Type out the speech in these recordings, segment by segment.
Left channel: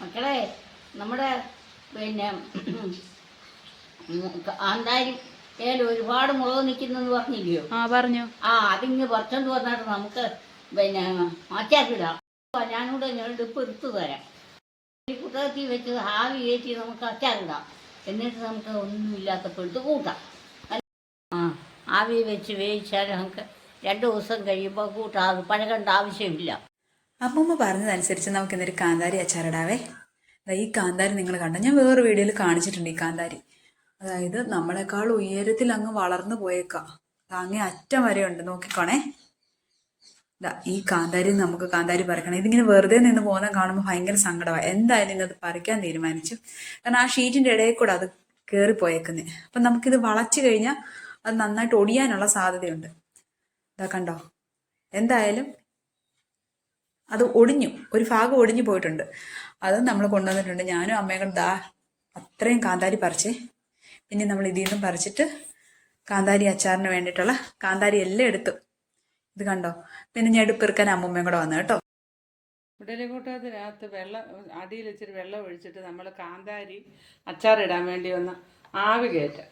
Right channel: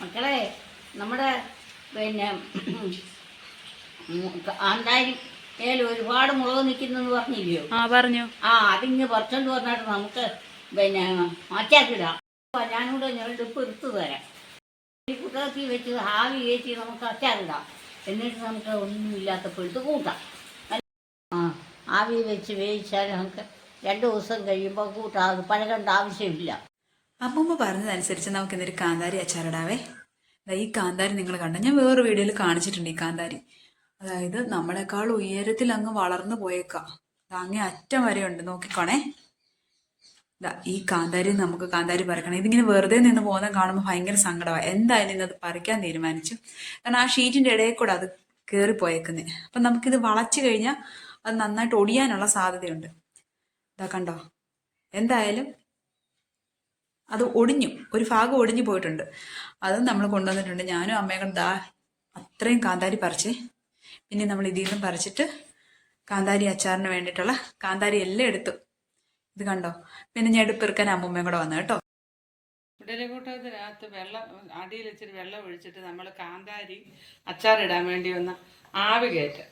മക്കളെ നമ്മുടെ പിന്നെ കാന്താരി ഒരുപാട് മുളക് നിൽക്കുന്നെന്ന് പറഞ്ഞില്ലയോ? പറഞ്ഞു. അതിങ്ങ് പറിച്ചോണ്ട് പറഞ്ഞിട്ട് നമുക്ക് പിന്നെ അച്ചാറിടാം. ഞാനിവിടെ ഞെടുപ്പ് എടുത്തു തരാം. ഈ കുട്ടകത്തി വെച്ച് ആവി കയറ്റി നമുക്ക് അച്ചാറിടാം. എന്നിട്ട് നമുക്ക് ഒന്നുമില്ലാത്തപ്പോൾ എടുത്ത് കൂട്ടാം. ആവി വെച്ച് വേവിച്ചാൽ നമുക്ക് 2 ദിവസം കഴിയുമ്പോൾ കൂട്ടാം. അത് പഴകേണ്ട ആവശ്യമില്ല. അമ്മമ്മ പറഞ്ഞതനുസരിച്ച് നമുക്ക് ഇന്നൊരു കാന്താരി അച്ചാറിടാവേ. ഈ കാന്താരി നിങ്ങൾ കണ്ട, ഞാൻ വേറൊരു വീഡിയോയിൽ കാണിച്ചിട്ടുണ്ട് ഈ കാന്താരി. അതായത് നമ്മളെക്കാൾ ഉയരത്തിൽ അങ്ങ് വളർന്നു പോയേക്കാം. അങ്ങേ അറ്റം വരെ ഉണ്ട്, നോക്കിക്കോണേ. ഈ കാന്താരി നമുക്ക് കാന്താരി പറിക്കണം. ഇതിങ്ങനെ വെറുതെ നിന്ന് പോകുന്ന കാണുമ്പോൾ ഭയങ്കര സങ്കടമാണ്. എന്തായാലും ഇന്നത് പറിക്കാൻ തീരുമാനിച്ചു. കാരണം ആ ഷീറ്റിൻ്റെ ഇടയിൽ കൂടെ അത് കയറിപ്പോയേക്കുന്നത്. അപ്പം നമുക്കിത് വളച്ച് കഴിഞ്ഞാൽ അത് നന്നായിട്ട് ഒടിയാനുള്ള സാധ്യതയുണ്ട്. കണ്ടോ, എന്തായാലും അത് ഒടിഞ്ഞു, ഒരു ഭാഗം ഒടിഞ്ഞു പോയിട്ടുണ്ട്. അതും നമ്മൾ കൊണ്ടുവന്നിട്ടുണ്ട്. ഞാനും അമ്മയും കൂടെ അത്രയും കാന്താരി പറിച്ചേ. പിന്നെ നമ്മൾ ഇതിൽ നിന്നും പറിച്ചിട്ട് കാന്താരി അച്ചാറിന് വേണ്ടിയിട്ടുള്ള കാന്താരി എല്ലാം എടുത്തു. ഇത് കണ്ടോ. പിന്നെ ഞാൻ എടുപ്പെറുക്കാൻ അമ്മൂമ്മയും കൂടെ വന്നു കേട്ടോ. ഇഡലിക്കൂട്ടത്തിനകത്ത് അടിയിൽ ഇച്ചിരി വെള്ളം ഒഴിച്ചിട്ട് നമ്മൾ കാന്താരി അച്ചാറിടാൻ വേണ്ടി ഒന്ന് ആവി കയറ്റാം.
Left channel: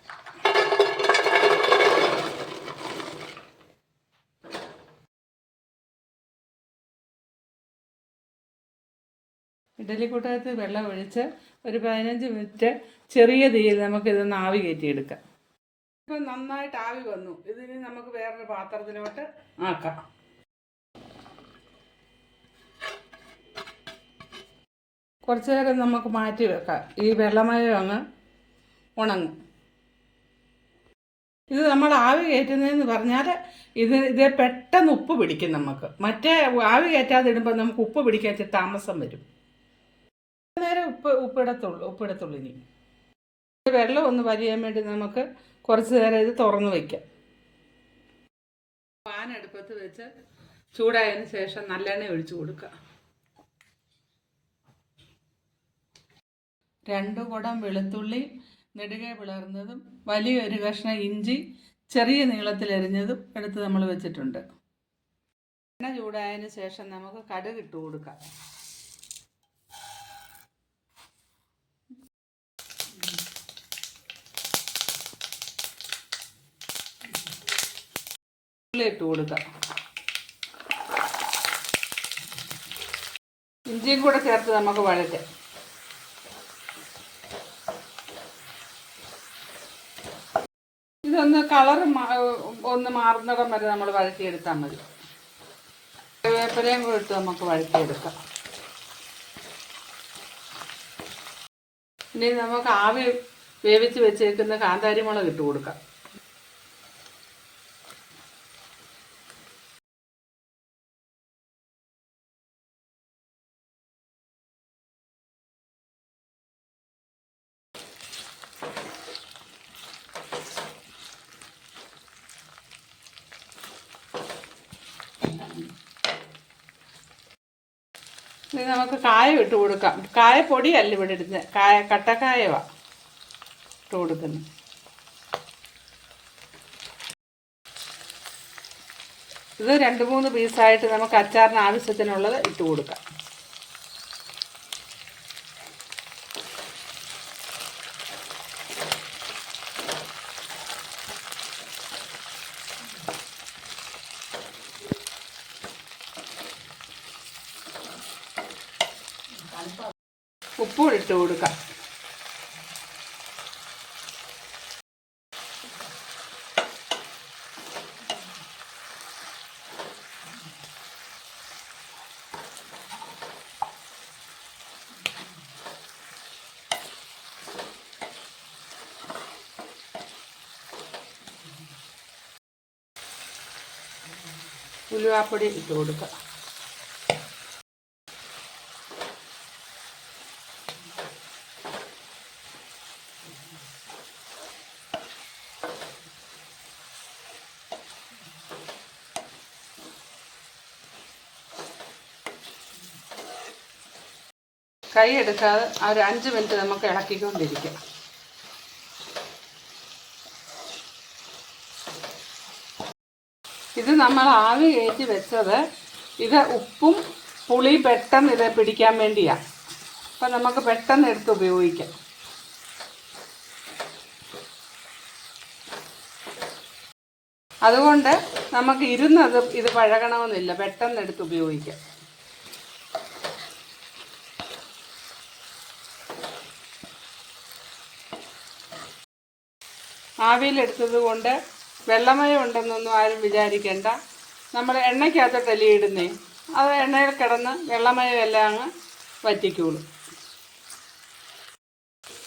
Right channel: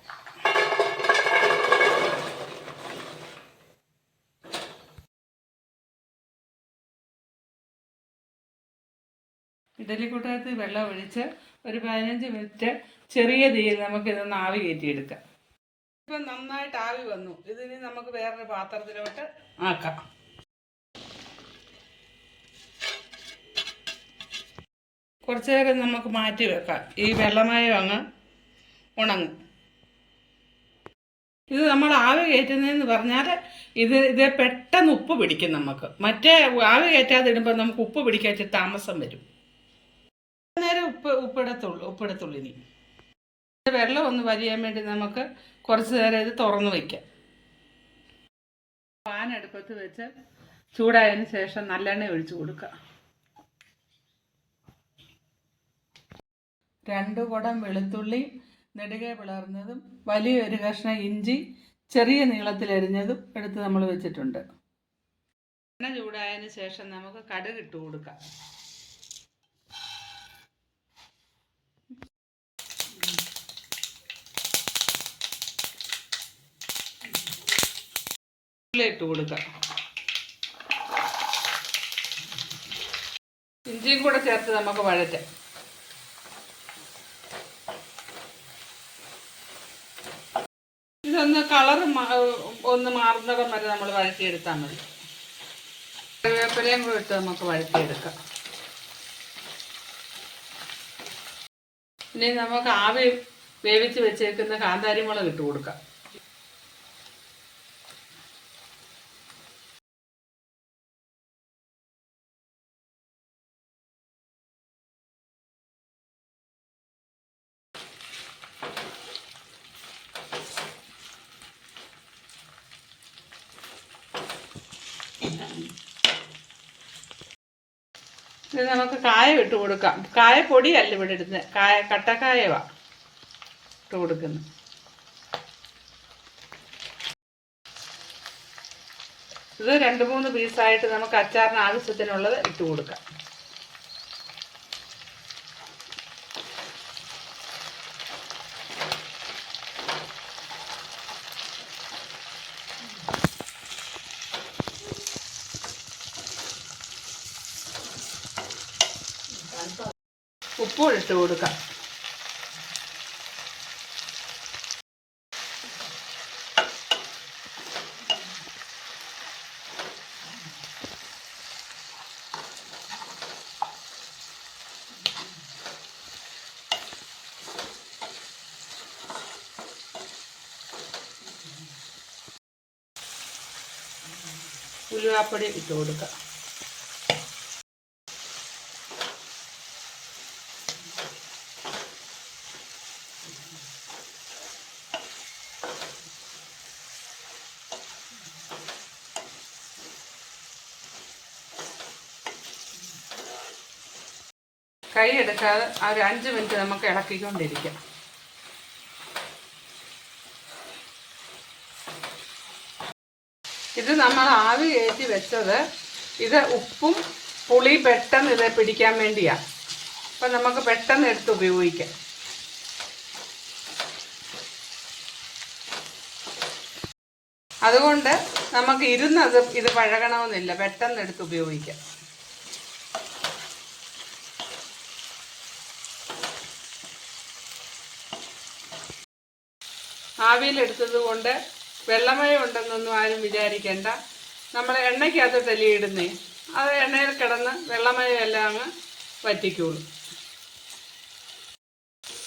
ഇഡലിക്കൂട്ടത്തിൽ വെള്ളം ഒഴിച്ച് ഒരു 15 മിനിറ്റ് ചെറിയ തീയിൽ നമുക്കിതൊന്ന് ആവി കയറ്റിയെടുക്കാം. ഇപ്പം നന്നായിട്ട് ആവി വന്നു. ഇതിന് നമുക്ക് വേറൊരു പാത്രത്തിലോട്ട് ആക്കാം. കുറച്ചു നേരം നമുക്ക് മാറ്റി വെക്കാം. ഈ വെള്ളമയം അങ്ങ് ഉണങ്ങും. ഇത് നമ്മൾ ആവി കയറ്റുന്നതെന്ന് പറഞ്ഞാൽ ഇതേ പെട്ടെന്ന് ഉപ്പ് പിടിക്കും നമുക്ക്. മറ്റേ ആവി കയറ്റാതെ ഇടുമ്പോൾ നമുക്ക് ഉപ്പ് പിടിക്കാൻ താമസം വരും. നേരം ഉപ്പിടത്തുള്ളൂ. ഇനി വെള്ളം ഒന്ന് വലിയാൻ വേണ്ടി നമുക്ക് കുറച്ച് നേരം ഇത് തുറന്ന് വയ്ക്കാം. പാൻ അടുപ്പത്ത് വെച്ച് ചൂടായതിന് ശേഷം നല്ലെണ്ണ ഒഴിച്ചു കൊടുക്കുക. 2 കുടം വെളുത്തുള്ളി നെടുകെ പിളർന്നതും വലിയൊരു കഷ്ണം ഇഞ്ചി ചെറിയ നീളത്തിലരിഞ്ഞതും എടുത്ത് നമ്മൾ വെച്ചിട്ടുണ്ട്. എണ്ണ ചൂടായതിന് ശേഷം നമുക്ക് കടുക് ഇട്ട് കൊടുക്കാം. ഇട്ട് കൊടുക്കാം. ഇഞ്ചിയും കൂടെ ചേർത്ത് നമുക്ക് വഴറ്റാം. ഇതൊന്ന് കളർ ഒന്ന് മാറുന്നകം വരെ നമ്മൾ വഴറ്റിയെടുത്താൽ മതി. കറിവേപ്പിലയും കൂടെ ഇട്ട് നമുക്ക് വഴറ്റിയെടുക്കാം. ഇനി നമുക്ക് ആവി വേവിച്ച് വെച്ചേക്കുന്ന കാന്താരി മുളക് ഇട്ട് കൊടുക്കാം. ഇത് നമുക്ക് കായം ഇട്ട് കൊടുക്കാം. കായപ്പൊടിയല്ല ഇവിടെ ഇടുന്നത്, കട്ടക്കായവാണ് ഇട്ട് കൊടുക്കുന്നത്. ഇത് 2-3 പീസായിട്ട് നമുക്ക് അച്ചാറിന് ആവശ്യത്തിനുള്ളത് ഇട്ട് കൊടുക്കാം. ഉപ്പും ഇട്ട് കൊടുക്കാം. ഉലുവാപ്പൊടി ഇട്ട് കൊടുക്കുക. കൈ എടുക്കാതെ ഒരു 5 മിനിറ്റ് നമുക്ക് ഇളക്കിക്കൊണ്ടിരിക്കാം. ഇത് നമ്മൾ ആവി കയറ്റി വെച്ചത് ഇത് ഉപ്പും പുളി പെട്ടെന്ന് ഇത് പിടിക്കാൻ വേണ്ടിയാണ്. അപ്പം നമുക്ക് പെട്ടെന്ന് എടുത്ത് ഉപയോഗിക്കാം. അതുകൊണ്ട് നമുക്ക് ഇരുന്നത് ഇത് പഴകണമെന്നില്ല, പെട്ടെന്ന് എടുത്ത് ഉപയോഗിക്കാം. ആവിയിലെടുത്തത് കൊണ്ട് വെള്ളമയം ഉണ്ടെന്നൊന്നും ആരും വിചാരിക്കേണ്ട. നമ്മൾ എണ്ണയ്ക്കകത്തോട്ടല്ലേ ഇടുന്നേ, അത് എണ്ണയിൽ കിടന്ന് വെള്ളമയം എല്ലാം അങ്ങ് വറ്റിക്കോളും.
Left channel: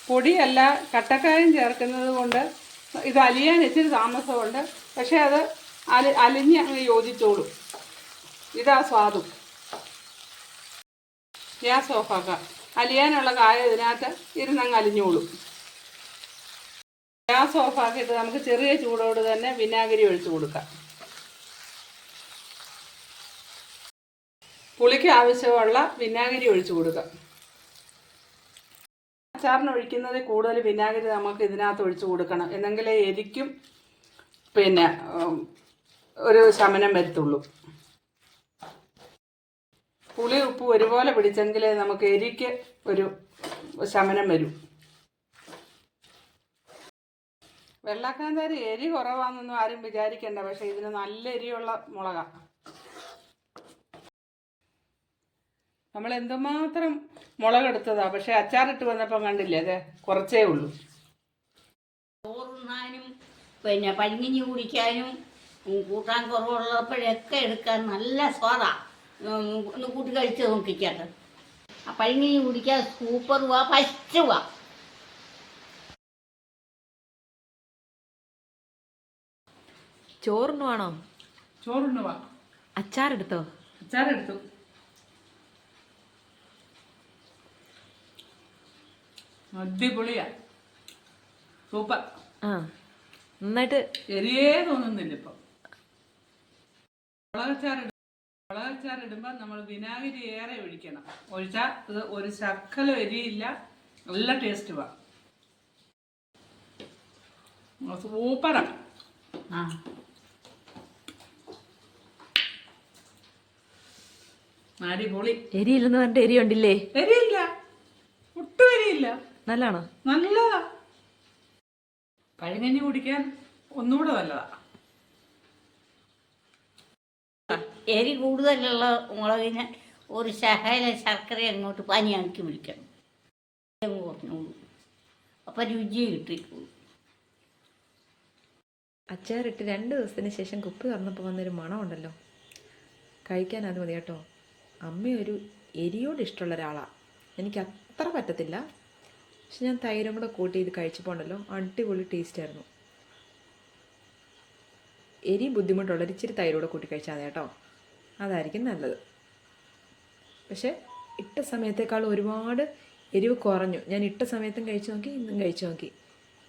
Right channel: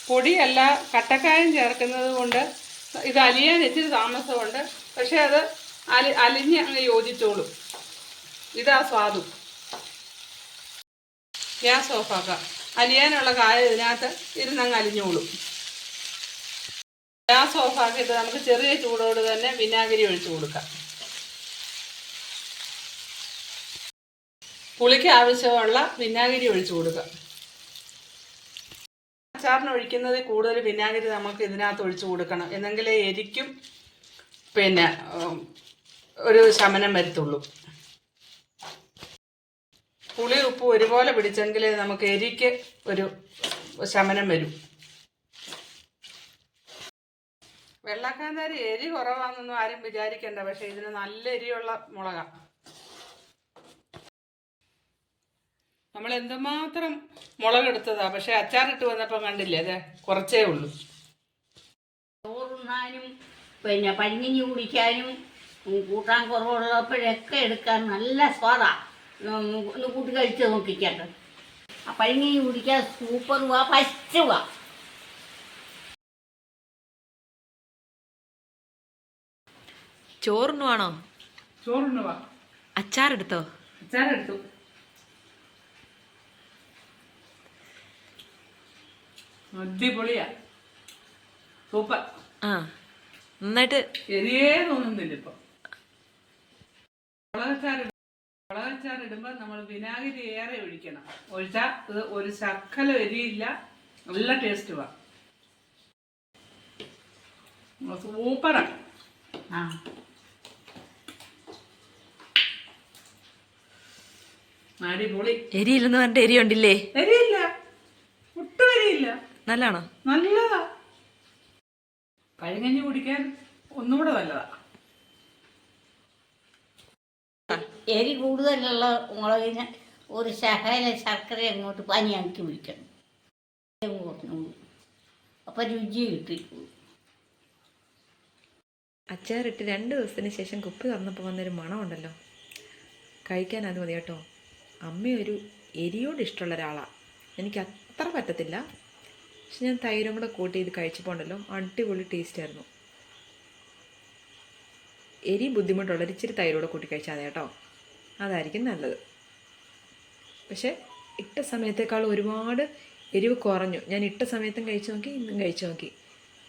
പൊടിയല്ല, കട്ടക്കായം ചേർക്കുന്നത് കൊണ്ട് ഇത് അലിയാൻ ഇച്ചിരി താമസമുണ്ട്. പക്ഷെ അത് അലിഞ്ഞ് അങ്ങ് യോജിച്ചോളും. ഇതാ സ്വാദും. ഗ്യാസ് ഓഫാക്കാം. അലിയാനുള്ള കായം ഇതിനകത്ത് ഇരുന്നങ്ങ് അലിഞ്ഞോളും. ഗ്യാസ് ഓഫാക്കിയിട്ട് നമുക്ക് ചെറിയ ചൂടോട് തന്നെ വിനാഗിരി ഒഴിച്ചു കൊടുക്കാം. പുളിക്ക് ആവശ്യമുള്ള വിനാഗിരി ഒഴിച്ചു കൊടുക്കാം. അച്ചാറിന് ഒഴിക്കുന്നതിൽ കൂടുതൽ വിനാഗിരി നമുക്ക് ഇതിനകത്ത് ഒഴിച്ചു കൊടുക്കണം, എന്നെങ്കിലേ എരിക്കും പിന്നെ ഒരു ശമനം വരുത്തുള്ളൂ. പുളി ഉപ്പ് ഒരുപോലെ പിടിച്ചെങ്കിലേ നമുക്ക് എരിക്ക് ഒരു ശമനം വരും. വെള്ളക്കാന്താരി എരി കുറവാണെന്നൊന്നും ആരും വിചാരിക്കേണ്ട, പക്ഷെ ഇതിന് നല്ല എരിയുള്ള മുളകാണ്. നമ്മൾ എന്തുമാത്രം മുളകെടുത്തതാ, പക്ഷെ അച്ചാറിട്ട് വന്നപ്പം കണ്ടില്ലേ, അത് കുറച്ചേ ഉള്ളൂ. ചോറുണ്ണാനും പിന്നെ പഴങ്ങിഞ്ഞി കുടിക്കാനും കൂട്ടാൻ കുറവുള്ളപ്പോഴൊക്കെ എടുക്കാൻ നല്ല സ്വാദാണ്. ഒന്ന് കൂട്ടി കഴിച്ച് നോക്കിക്കട്ടെ. ആ പഴങ്ങിഞ്ഞി കുടിക്കാൻ സൂപ്പറുവാ, ഫസ്റ്റുവാ. ചോറുണ്ണുവാണോ? ചോറുണ്ണുവാ. അച്ചാറെടുത്തോ? അച്ചാറെടുത്തു. അടിപൊളിയാ, സൂപ്പർ. ആ, നന്നായിട്ട് എരിയേ തോന്നുന്നില്ല ഇപ്പം. മുളകച്ചാറിടുമ്പോൾ നമ്മൾ വിനാഗിരി ഏറെ ഒഴിക്കണം. ഒഴിച്ചാൽ ഇത് ഒരു ശക്കലം എരിയില്ല, നല്ല ടേസ്റ്റുവാ, സൂപ്പറാണ്. ആ അടിപൊളി. എരിയില്ലെന്ന് പറഞ്ഞിട്ട് എരി ഉണ്ടില്ലേ? എരിയില്ല, ഒട്ടും എരിയില്ല. നല്ലതാണോ? നല്ലതാ. പഴങ്കഞ്ഞി കുടിക്കാൻ ഒന്നുകൂടെ നല്ലതാ. എരി കൂടുതലുള്ള മുളകിന് ഒരു ശകല ശർക്കര അങ്ങോട്ട് പനിയാക്കി വിളിക്കണം, കുറഞ്ഞോളൂ. അപ്പം രുചി കിട്ടിക്കോളൂ. അച്ചാറിട്ട് 2 ദിവസത്തിന് ശേഷം കുപ്പി തുറന്നപ്പോൾ വന്നൊരു മണമുണ്ടല്ലോ, കഴിക്കാൻ അത് മതി കേട്ടോ. അമ്മയൊരു എരിയോട് ഇഷ്ടമുള്ള ഒരാളാണ്. എനിക്ക് അത്ര പറ്റത്തില്ല, പക്ഷെ ഞാൻ തൈരും കൂടെ കൂട്ടി ഇത് കഴിച്ചപ്പോൾ ഉണ്ടല്ലോ, അടിപൊളി ടേസ്റ്റായിരുന്നു. എരി ബുദ്ധിമുട്ടുള്ളൊരു ഇച്ചിരി തൈരോടെ കൂട്ടി കഴിച്ചാൽ മതി കേട്ടോ, അതായിരിക്കും നല്ലത്. പക്ഷേ ഇട്ട സമയത്തേക്കാൾ ഒരുപാട് എരിവ് കുറഞ്ഞു. ഞാൻ ഇട്ട സമയത്തും കഴിച്ചു നോക്കി, ഇന്നും കഴിച്ചു നോക്കി.